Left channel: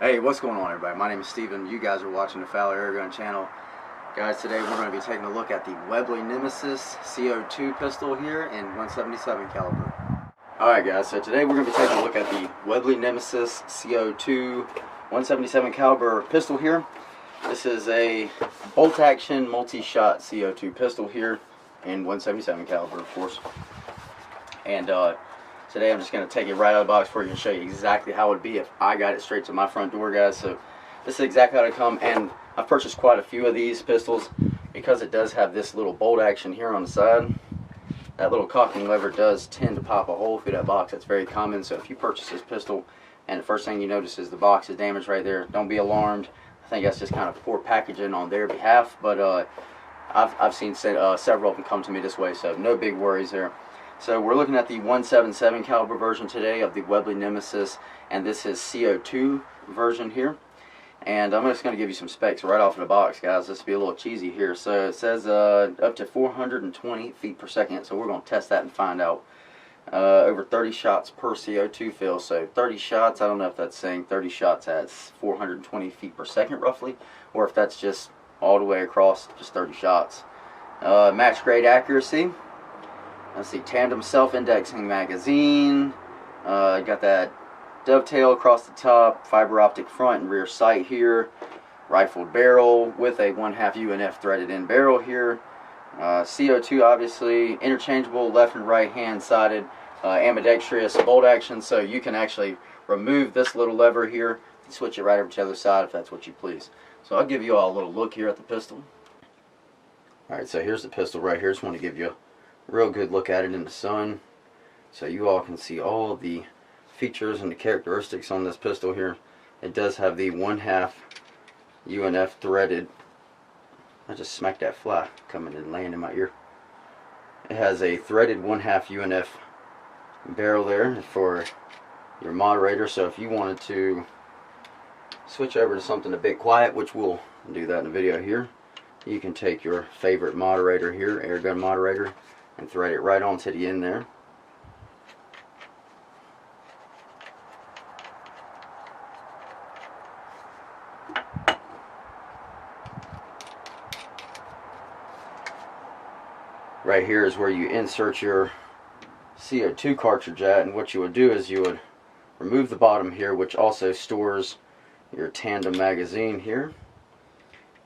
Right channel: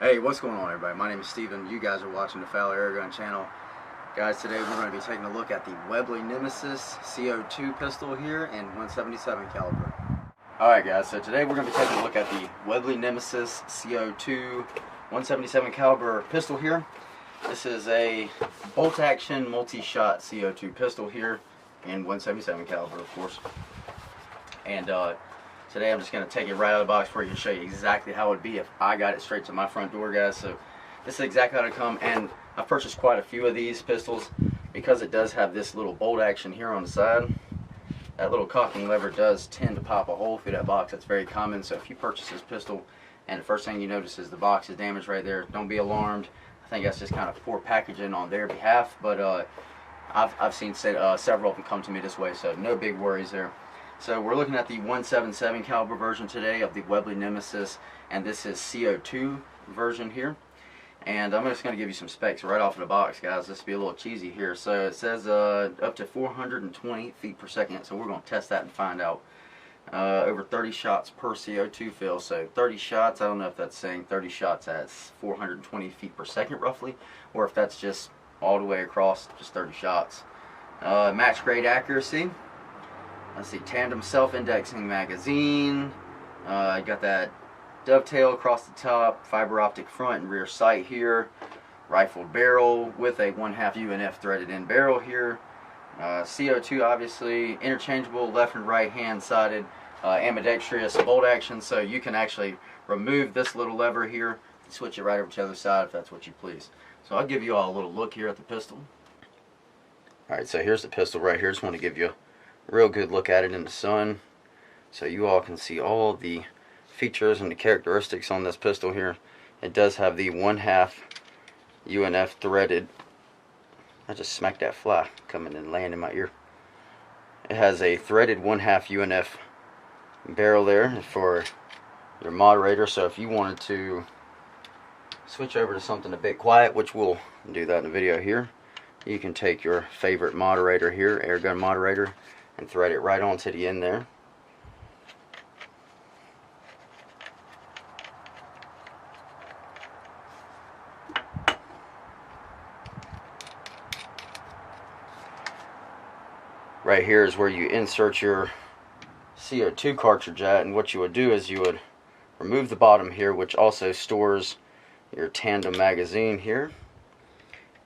Hey, what's going on, everybody? My name is Steven. You guys are watching the Fowler Airgun channel. Guys, today we're going to be taking a look at the Webley Nemisis CO2 pistol here in 177 caliber. Alright guys, so today we're going to be taking a look at the Webley Nemisis CO2 177 caliber pistol here. This is a bolt action multi-shot CO2 pistol here in 177 caliber, of course. And today I'm just going to take it right out of the box for you and show you exactly how it would be if I got it straight to my front door, guys. So this is exactly how it come, and I've purchased quite a few of these pistols because it does have this little bolt action here on the side. That little cocking lever does tend to pop a hole through that box. That's very common. So if you purchase this pistol and the first thing you notice is the box is damaged right there, don't be alarmed. I think that's just kind of poor packaging on their behalf, but I've seen several of them come to me this way, so no big worries there. So we're looking at the 177 caliber version today of the Webley Nemisis, and this is CO2 version here. And I'm just going to give you some specs right off of the box, guys. This will be a little cheesy here. So it says up to 420 feet per second, so we're going to test that and find out. Over 30 shots per CO2 fill, so 30 shots, I don't know if that's saying 30 shots at 420 feet per second roughly, or if that's just all the way across, just 30 shots. Match grade accuracy. Let's see, tandem self-indexing magazine. Got that dovetail across the top, fiber optic front and rear sight here. Rifled barrel with a 1/2 UNF threaded in barrel here. CO2 obviously interchangeable left and right hand sided, ambidextrous bolt action, so you can actually remove this little lever here and switch it right over to the other side if that's what you please. So I'll give you all a little look here at the pistol. Alright, so here's the pistol right here. Just want to give you real good look at it in the sun so you all can see all the features and the characteristics on this pistol here. It does have the 1/2 UNF threaded. I just smacked that fly coming and laying in my ear. It has a threaded 1/2 UNF barrel there for your moderator, so if you wanted to switch over to something a bit quiet, which we'll do that in the video here, you can take your favorite moderator here, airgun moderator, and thread it right onto the end there. Right here is where you insert your CO2 cartridge at, and what you would do is you would remove the bottom here, which also stores your tandem magazine here.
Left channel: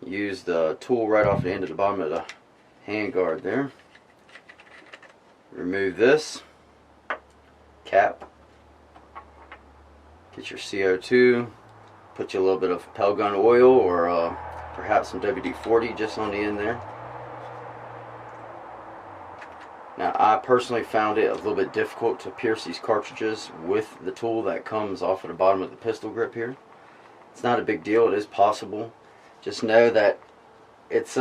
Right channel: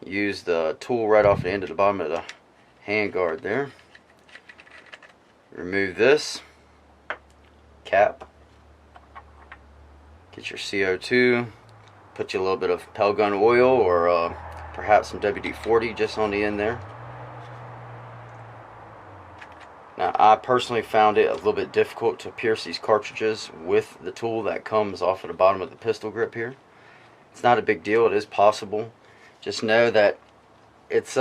Use the tool right off the end of the bottom of the handguard there. Remove this cap, get your CO2, put you a little bit of pellet gun oil or perhaps some WD-40 just on the end there. Now I personally found it a little bit difficult to pierce these cartridges with the tool that comes off of the bottom of the pistol grip here. It's not a big deal, it is possible. Just know that it's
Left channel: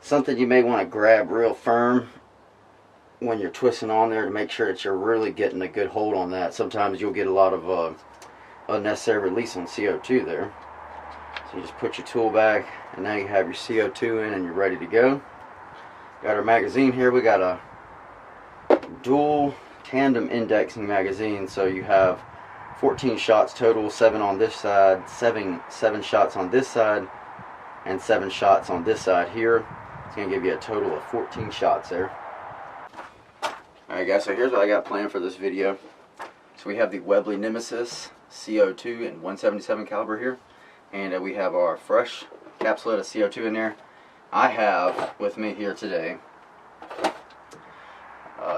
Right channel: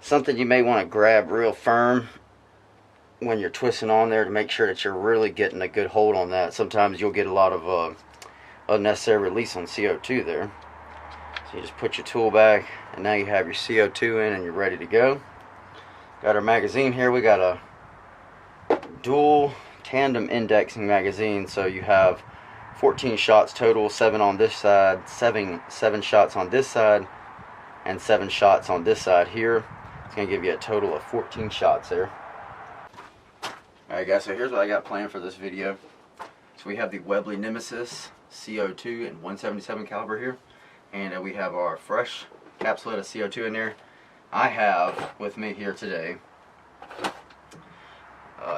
something you may want to grab real firm when you're twisting on there to make sure that you're really getting a good hold on that. Sometimes you'll get a lot of unnecessary release on CO2 there. So you just put your tool back, and now you have your CO2 in and you're ready to go. Got our magazine here. We got a dual tandem indexing magazine, so you have 14 shots total, 7 on this side, 7 shots on this side, and 7 shots on this side here. It's going to give you a total of 14 shots there. Alright guys, so here's what I got planned for this video. So we have the Webley Nemisis CO2 in 177 caliber here, and we have our fresh capsule of CO2 in there. I have with me here today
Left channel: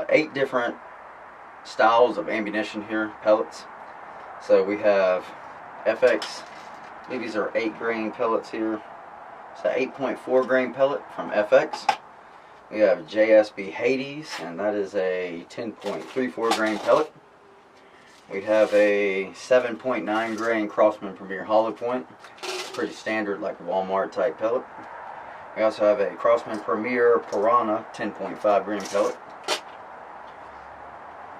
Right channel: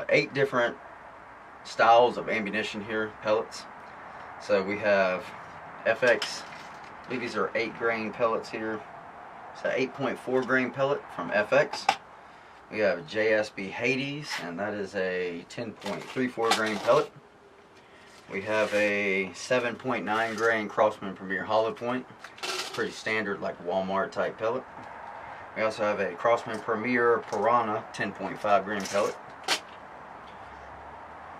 8 different styles of ammunition here, pellets. So we have FX, I believe these are 8 grain pellets here. It's an 8.4 grain pellet from FX. We have JSB Hades, and that is a 10.34 grain pellet. We have a 7.9 grain Crossman Premier hollow point, pretty standard like Walmart type pellet. We also have a Crossman Premier Piranha 10.5 grain pellet.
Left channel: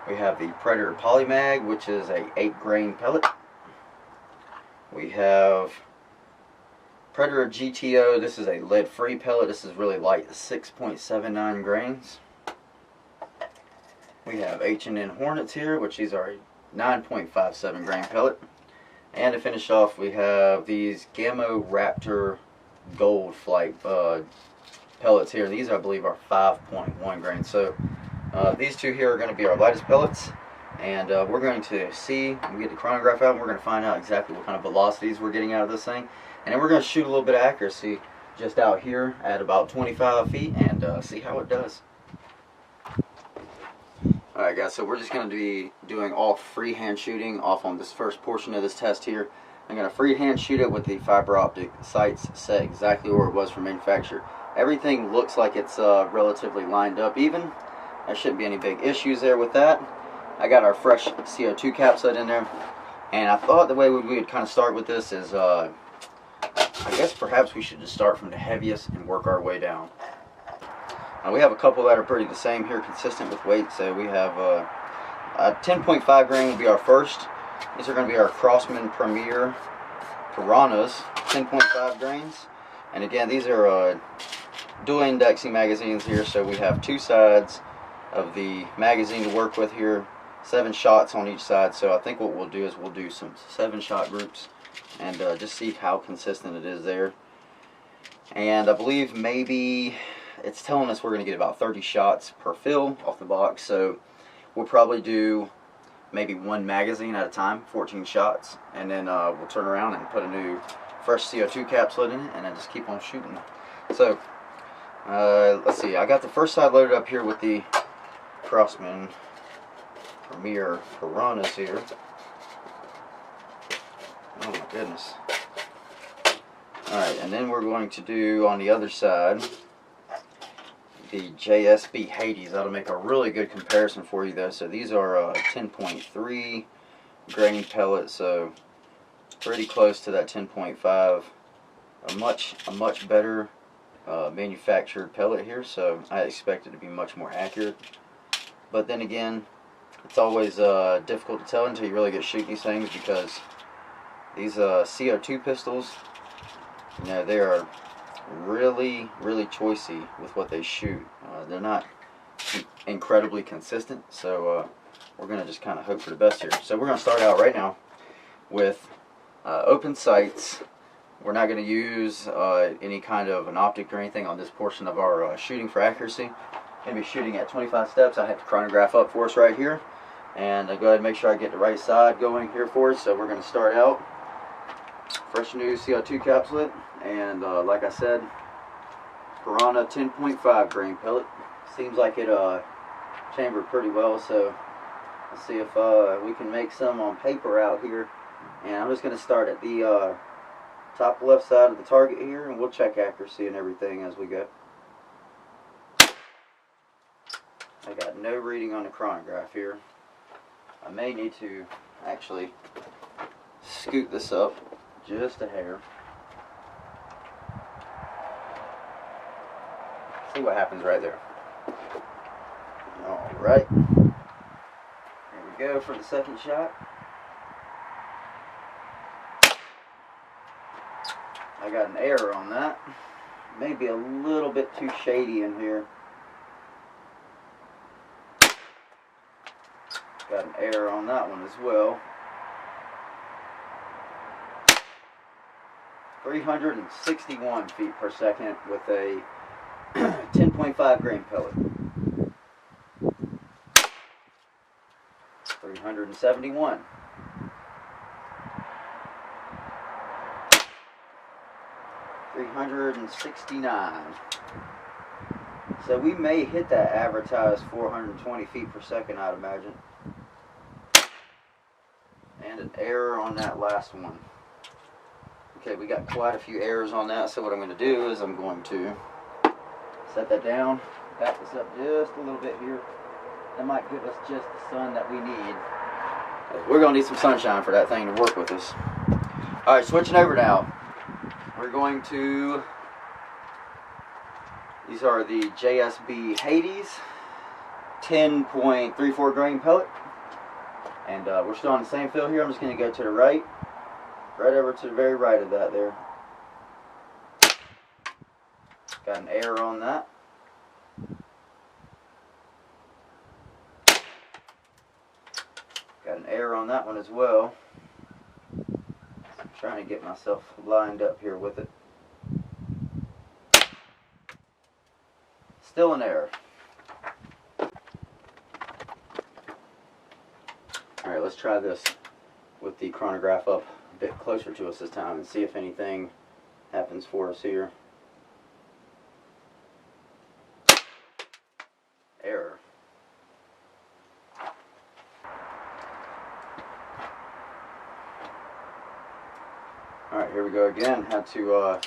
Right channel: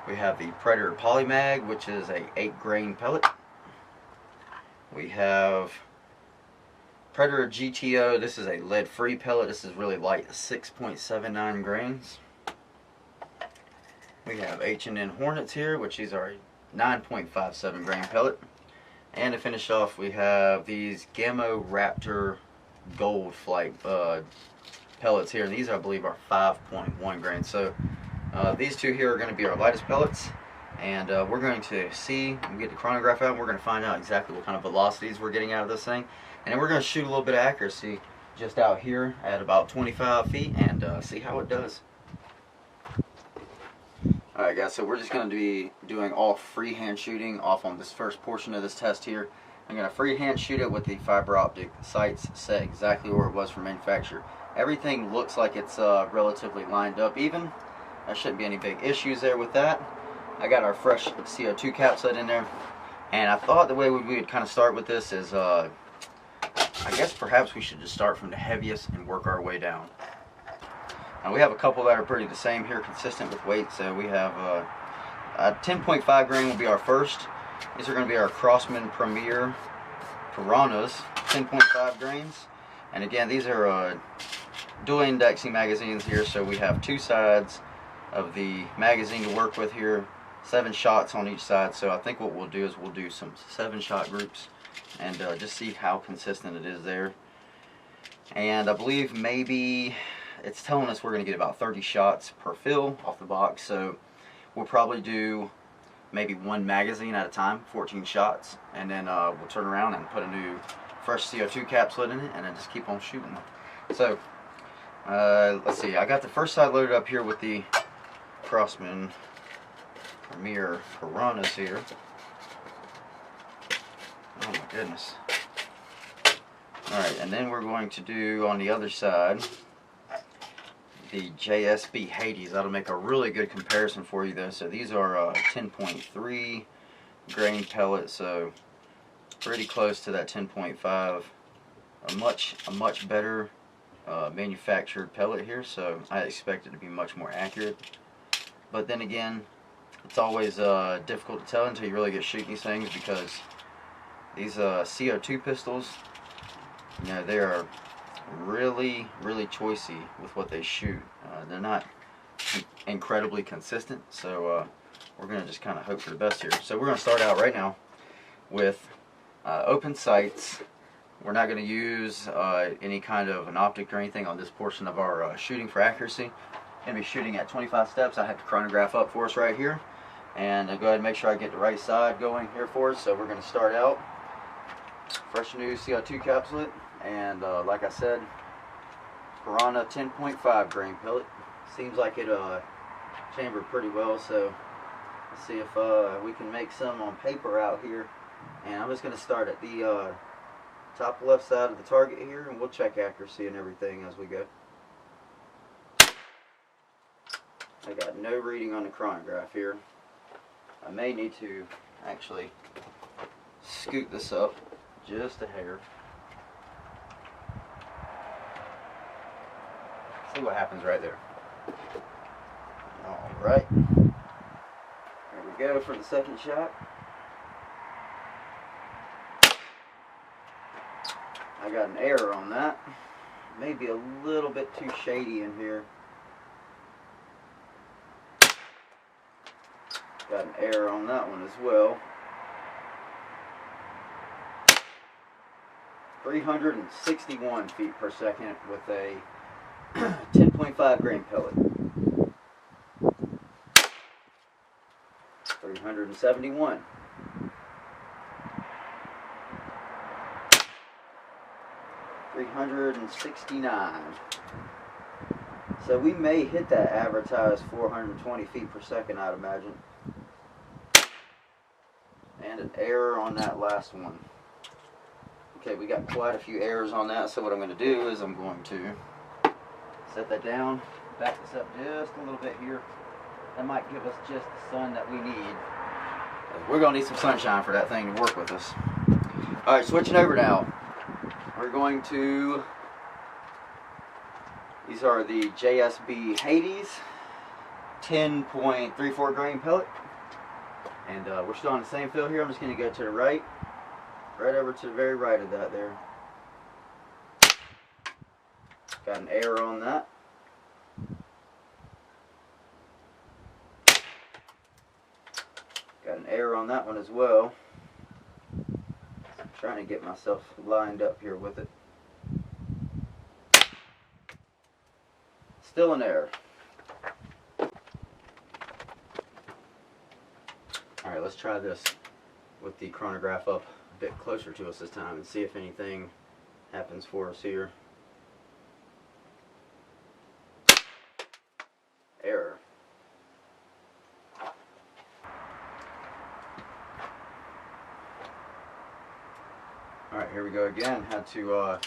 We have the Predator Polymag, which is a 8 grain pellet. We have Predator GTO, this is a lead-free pellet. This is really light, 6.79 grains. We have H&N Hornets here, which these are a 9.57 grain pellet. And to finish off, we have these Gamma Raptor Gold Flight pellets here. These, I believe, are 5.1 grains. So these two here are going to be our lightest pellets. And we're going to see, we get the chronograph out, and we're going to find out exactly what kind of velocities we're getting out of this thing. And then we're going to shoot a little bit of accuracy just out here at about 25 feet and see how it does. Alright guys, so we're just going to be doing all freehand shooting off on this first portion of this test here. I'm going to freehand shoot it with the fiber optic sights set exactly where it was from manufacturer. Everything looks like it's relatively lined up even. There shouldn't be any big issues there with that. I got our fresh CO2 capsule in there. And I thought the way we would kind of start with this is, I guess perhaps we should just start from the heaviest and work our way down. We have a couple that are pretty the same here, consistent with weight. So we have a 10.5 grain will be our first. These are going to be our Crosman Premier Piranhas, 10.5 grains. And again, these are dual indexing magazines here, so we have two sides of the magazine to work with here, 7 shots on each side. So I think what we'll do is we'll do some 7-shot groups and just see how consistent it is there. And I believe maybe it's telling us we're going to get about 30 shots per fill off the box, so we'll probably do maybe 1 magazine at a time, 14 shots, and then we'll turn around and put a new fresh CO2 capsule in it and then just keep on shooting. So let's see, I got the first side loaded up here with the Crosman Premier Piranhas here. Oh my goodness. Alright, and then we're going to do on the other side the JSB Hades. That'll make a really good comparison for you though. So these are 10.3 grain pellets, so pretty close to that 10.5. A much better manufactured pellet here, so I expect it to be much more accurate. But then again, it's always difficult to tell until you really get shooting these things, because these CO2 pistols, you know, they are really choicey with what they shoot. They're not incredibly consistent, so we're going to just kind of hope for the best here. So we're going to start out right now with open sights. We're not going to use any kind of an optic or anything on this portion of our shooting for accuracy. Going to be shooting at 25 steps. I have the chronograph up for us right here, and go ahead and make sure I get the right side going here for us. So we're going to start out fresh new CO2 capsule, and like I said, Piranha 10.5 grain pellet. Seems like it chambered pretty well, so let's see if we can make some on paper out here. And I'm just going to start at the top left side of the target here, and we'll check accuracy and everything as we go. I got no reading on the chronograph here. I may need to actually scoot this up just a hair. See what happens right there. Alright. Here we go for the second shot. I got an error on that. Maybe a little bit too shady in here. Got an error on that one as well. 361 feet per second with a 10.5 grain pellet. 371. 369. So we may hit that advertised 420 feet per second, I'd imagine. And an error on that last one. Okay, we got quite a few errors on that, so what I'm going to do is I'm going to set that down, back this up just a little bit here. That might give us just the sun that we need. We're going to need some sunshine for that thing to work with us. Alright, switching over now. We're going to, these are the JSB Hades 10.34 grain pellet. And we're still on the same fill here. I'm just going to go to the right. Right over to the very right of that there. Got an error on that. Got an error on that one as well. trying to get myself lined up here with it. Still an error. Alright, let's try this with the chronograph up a bit closer to us this time and see if anything happens for us here. Error. Alright, here we go again. Had to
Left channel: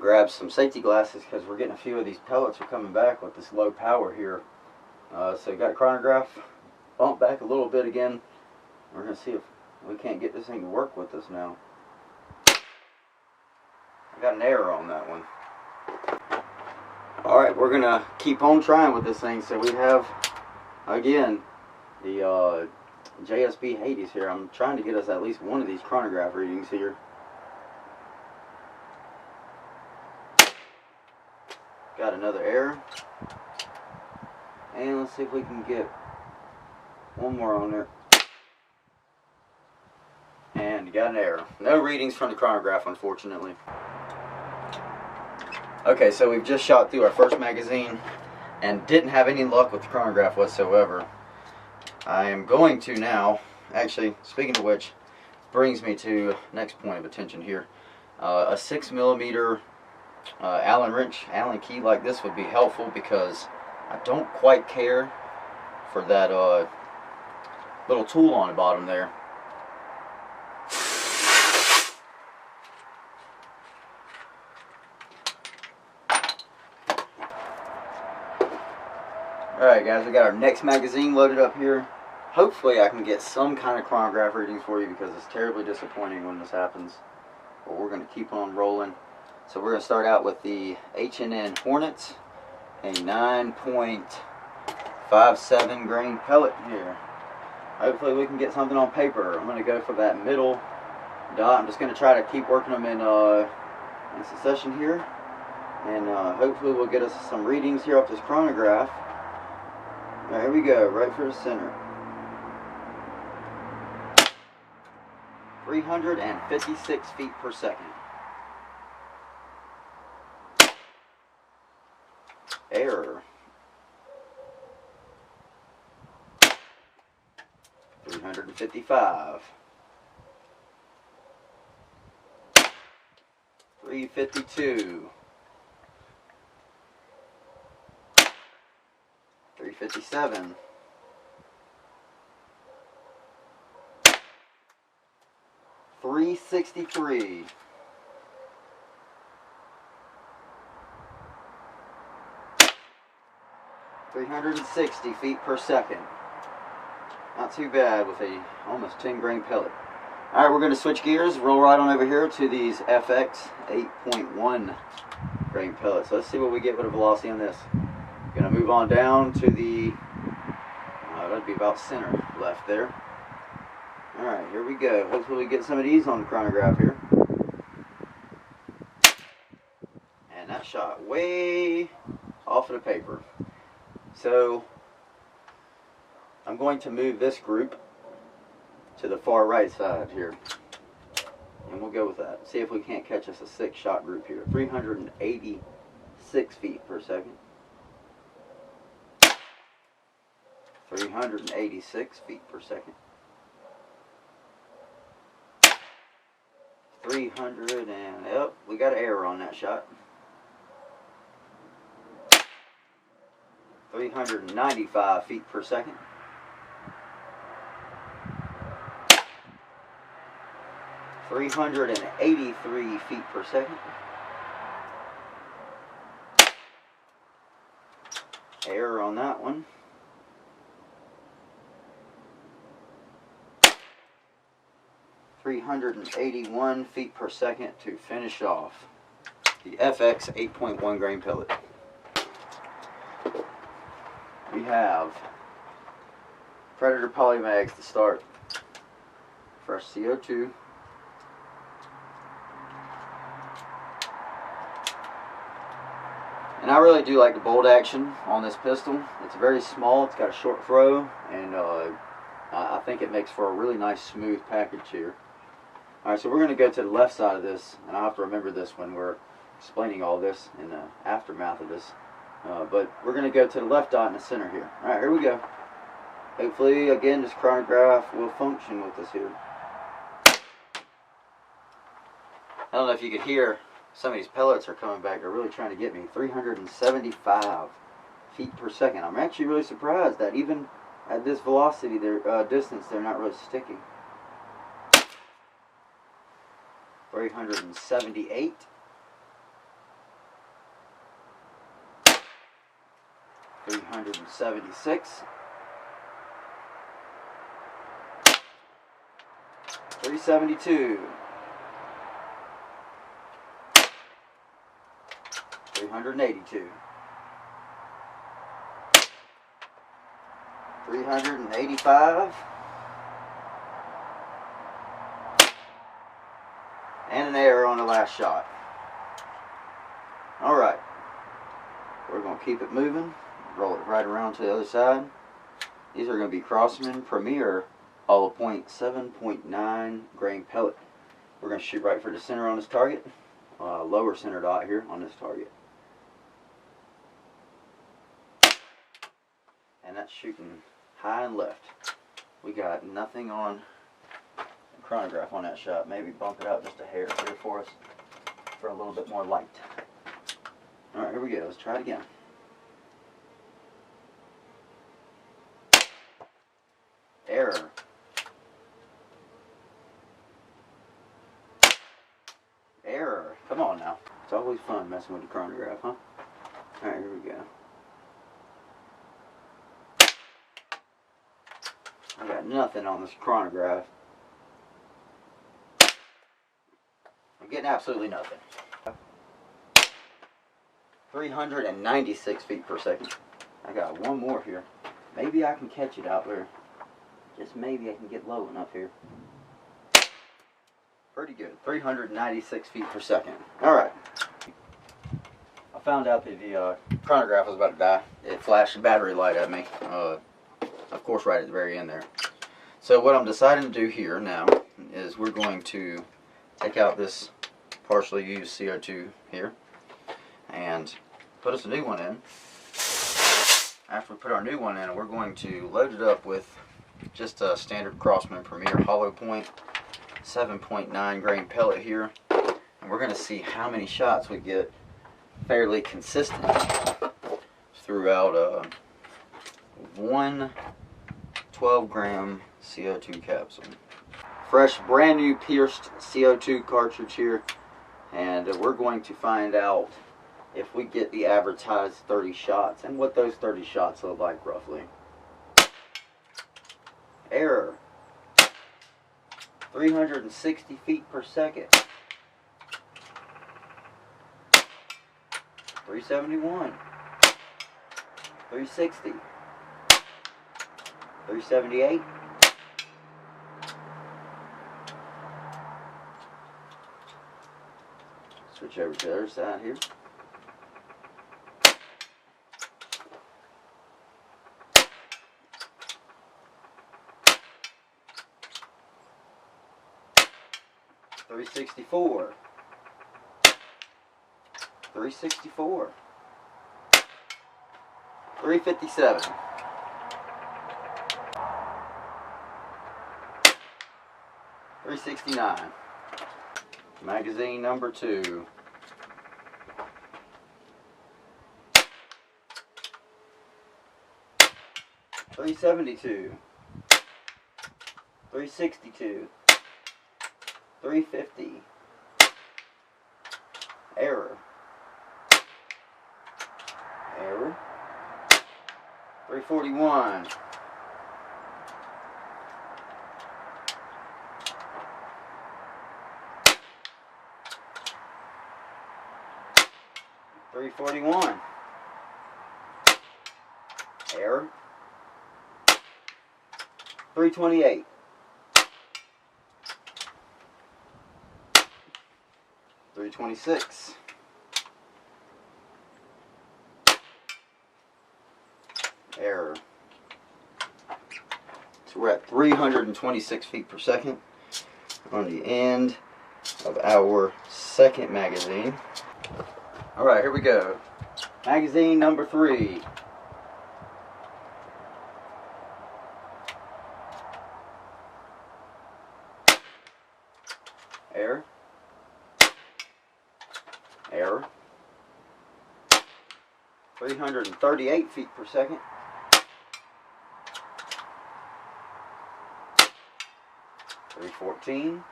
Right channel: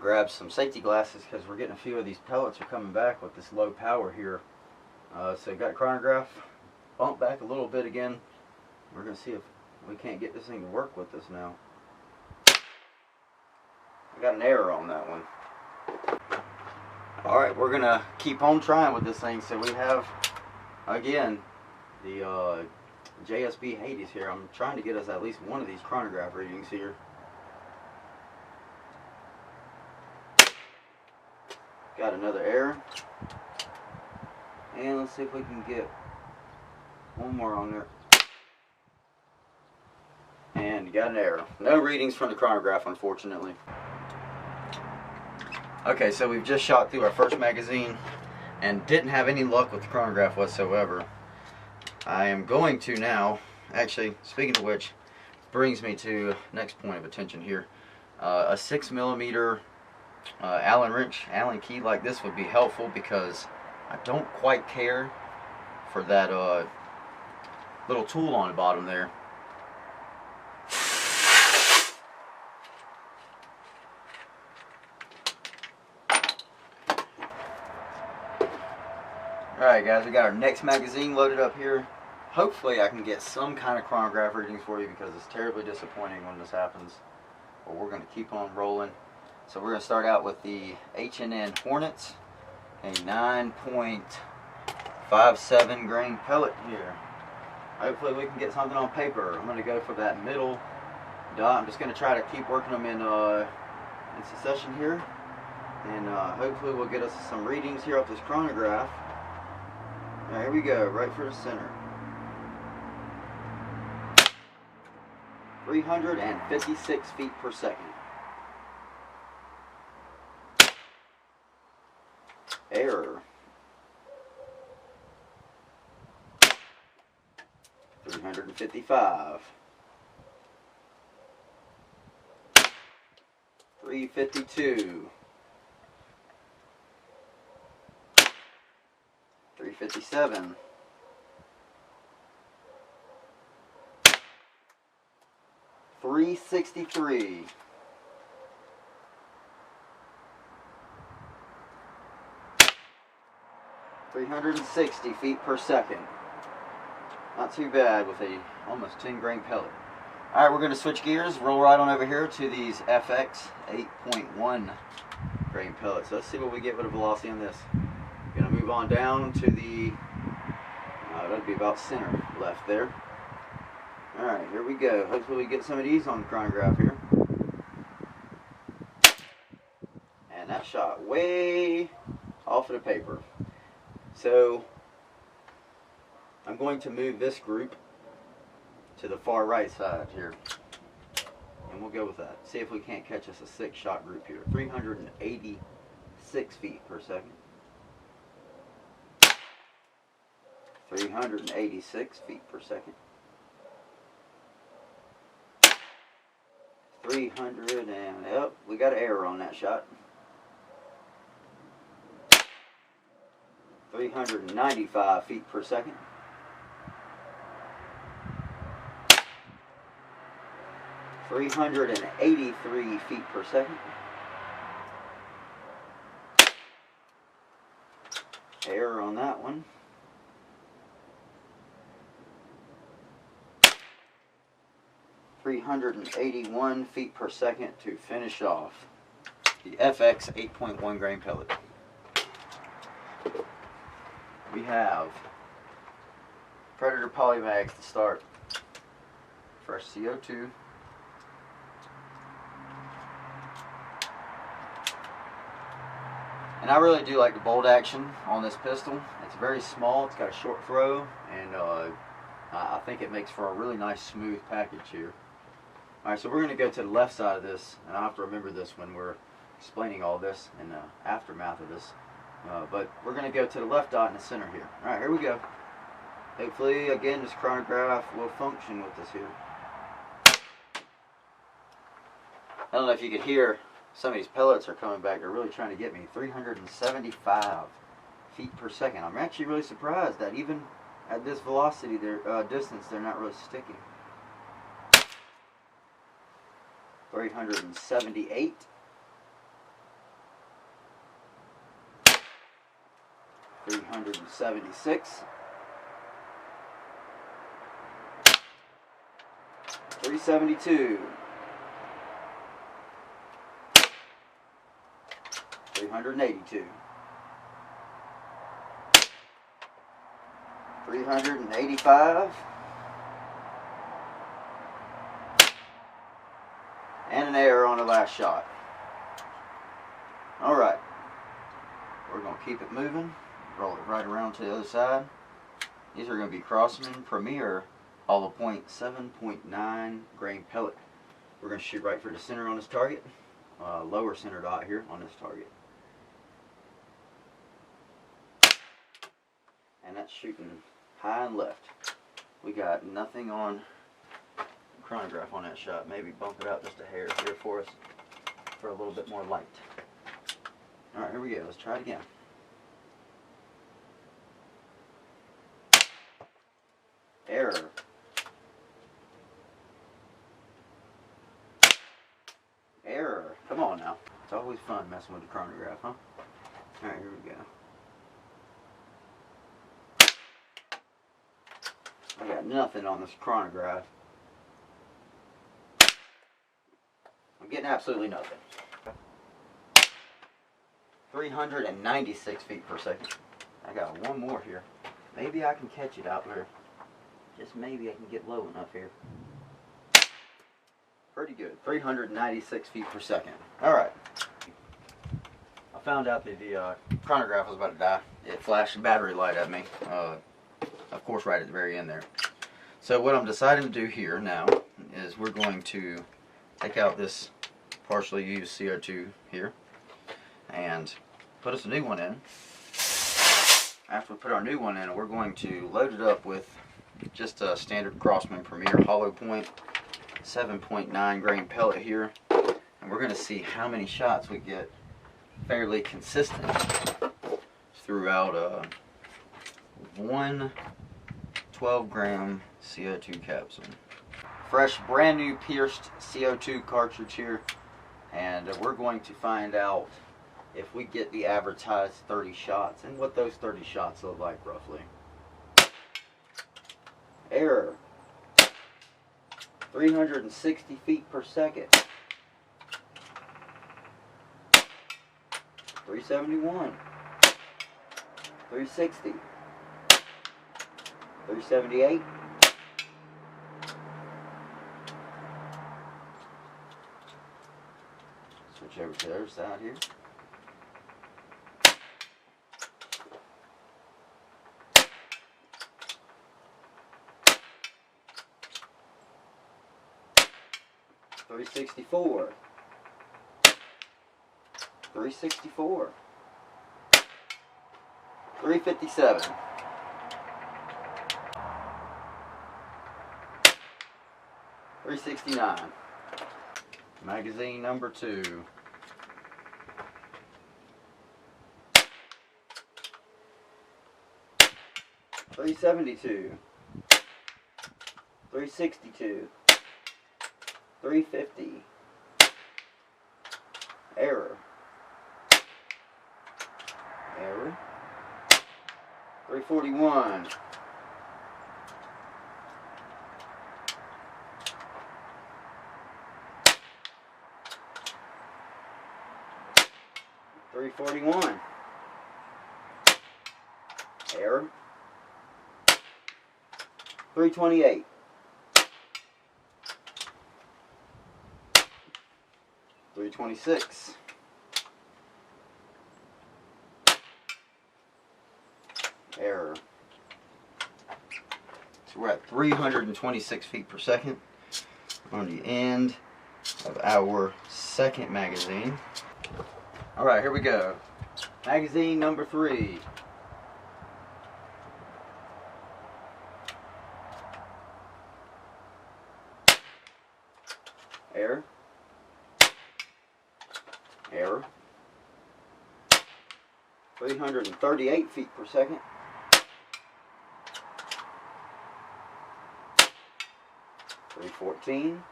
grab some safety glasses because we're getting a few of these pellets are coming back with this low power here. So got chronograph bumped back a little bit again. We're going to see if we can't get this thing to work with us now. I got an error on that one. Alright, we're going to keep on trying with this thing. So we have, again, the JSB Hades here. I'm trying to get us at least one of these chronograph readings here. Got another error. And let's see if we can get one more on there. And got an error. No readings from the chronograph, unfortunately. Okay, so we've just shot through our first magazine and didn't have any luck with the chronograph whatsoever. I am going to now, actually, speaking of which, brings me to next point of attention here. A 6mm Allen wrench, Allen key like this would be helpful because I don't quite care for that little tool on the bottom there. Alright guys, we got our next magazine loaded up here. Hopefully I can get some kind of chronograph readings for you because it's terribly disappointing when this happens. But we're going to keep on rolling. So we're going to start out with the H&N Hornets, a 9.57 grain pellet here. Hopefully we can get something on paper. I'm going to go for that middle dot. I'm just going to try to keep working them in succession here. And hopefully we'll get us some readings here off this chronograph. Here we go, right for the center. 356 feet per second. Error. 355. 352. 357. 363. 360 feet per second. Not too bad with a almost 10 grain pellet. Alright, we're going to switch gears, roll right on over here to these FX 8.1 grain pellets. So let's see what we get with a velocity on this. Going to move on down to the, that'd be about center left there. Alright, here we go. Hopefully we get some of these on the chronograph here. And that shot way off of the paper. So I'm going to move this group to the far right side here. And we'll go with that. See if we can't catch us a 6-shot group here. 386 feet per second. 386 feet per second. 300 and, yep, we got an error on that shot. 395 feet per second. 383 feet per second. Error on that one. 381 feet per second to finish off the FX 8.1 grain pellet. We have Predator polymags to start. Fresh CO2. And I really do like the bolt action on this pistol. It's very small, it's got a short throw, and I think it makes for a really nice smooth package here. Alright, so we're going to go to the left side of this, and I'll have to remember this when we're explaining all this in the aftermath of this. But we're going to go to the left dot in the center here. Alright, here we go. Hopefully, again, this chronograph will function with us here. I don't know if you could hear, some of these pellets are coming back. They're really trying to get me. 375 feet per second. I'm actually really surprised that even at this velocity, distance, they're not really sticking. 378. 376. 372. 382. 385. And an error on the last shot. Alright. We're going to keep it moving. Roll it right around to the other side. These are going to be Crossman Premier hollow point 7.9 grain pellet. We're going to shoot right for the center on this target. Lower center dot here on this target. And that's shooting high and left. We got nothing on the chronograph on that shot. Maybe bump it up just a hair here for us for a little bit more light. Alright, here we go. Let's try it again. Error. Error. Come on now. It's always fun messing with the chronograph, huh? Alright, here we go. I got nothing on this chronograph. I'm getting absolutely nothing. 396 feet per second. I got one more here. Maybe I can catch it out there. Just maybe I can get low enough here. Pretty good. 396 feet per second. Alright. I found out that the chronograph was about to die. It flashed a battery light at me. Of course, right at the very end there. So what I'm deciding to do here now is we're going to take out this partially used CO2 here and put us a new one in. After we put our new one in, we're going to load it up with just a standard Crossman Premier hollow point 7.9 grain pellet here, and we're going to see how many shots we get fairly consistent throughout one 12-gram CO2 capsule. Fresh, brand new pierced CO2 cartridge here, and we're going to find out if we get the advertised 30 shots and what those 30 shots look like roughly. Error. 360 feet per second. 371. 360. 378. Switch over to the other side here. $364. 364. 357. 369. Magazine number 2. 372. 362. 350. Error. Error. 341. 341. Error. 328. 326. Error. So we're at 326 feet per second. on the end of our second magazine. Alright, here we go. Magazine number 3. Air. Air. 338 feet per second. 314.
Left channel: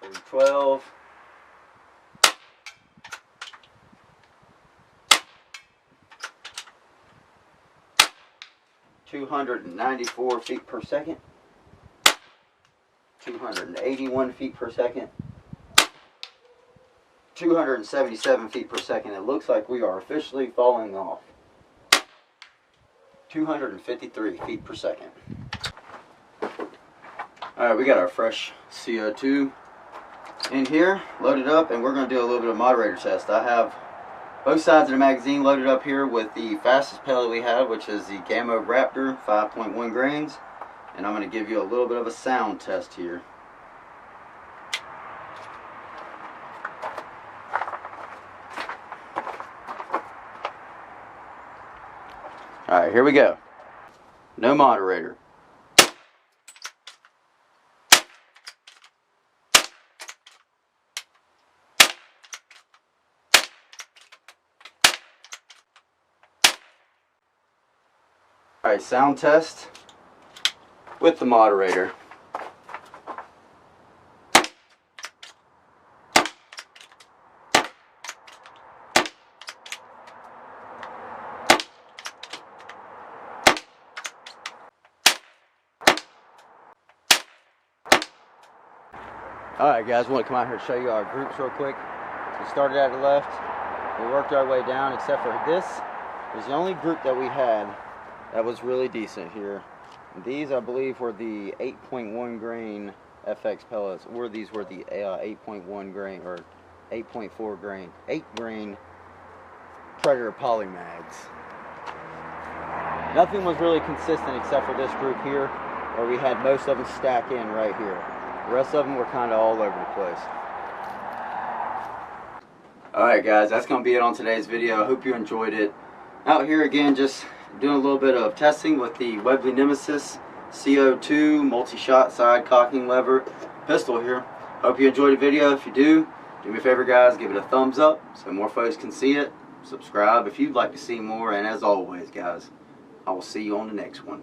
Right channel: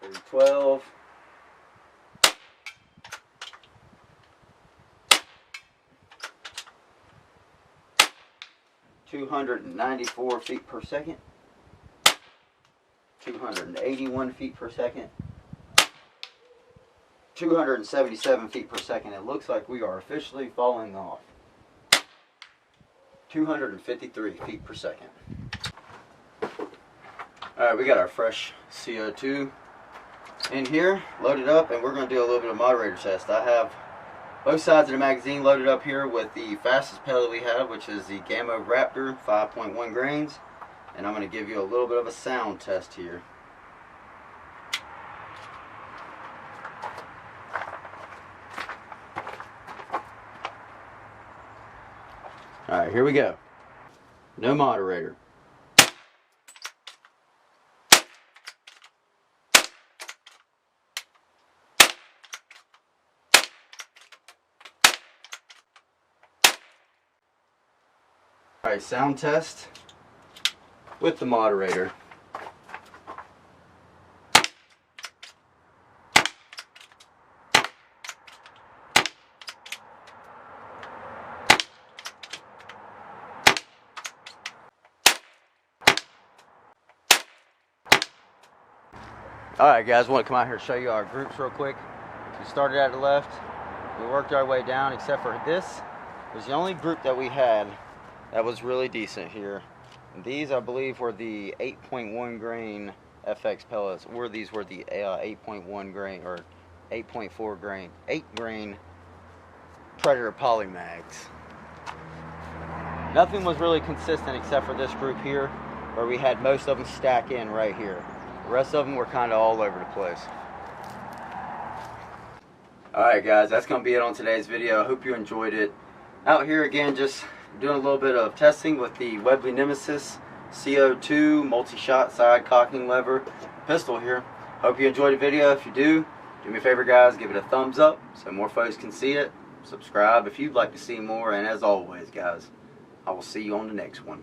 312. 294 feet per second. 281 feet per second. 277 feet per second. It looks like we are officially falling off. 253 feet per second. Alright, we got our fresh CO2 in here, loaded up, and we're going to do a little bit of moderator test. I have both sides of the magazine loaded up here with the fastest pellet we have, which is the Gamma Raptor 5.1 grains. And I'm going to give you a little bit of a sound test here. Alright, here we go. No moderator. Alright, sound test with the moderator. Alright guys, want to come out here and show you our groups real quick. We started at the left, we worked our way down, except for this was the only group that we had that was really decent here. And these, I believe, were the 8.1 grain FX pellets, or these were the 8.1 grain or 8.4 grain, 8 grain Predator poly mags. Nothing was really consistent except for this group here, where we had most of them stack in right here. The rest of them were kind of all over the place. Alright guys, that's going to be it on today's video. I hope you enjoyed it. Out here again, just doing a little bit of testing with the Webley Nemisis CO2 multi-shot side cocking lever pistol here. Hope you enjoyed the video. If you do me a favor guys, give it a thumbs up so more folks can see it. Subscribe if you'd like to see more, and as always guys, I will see you on the next one.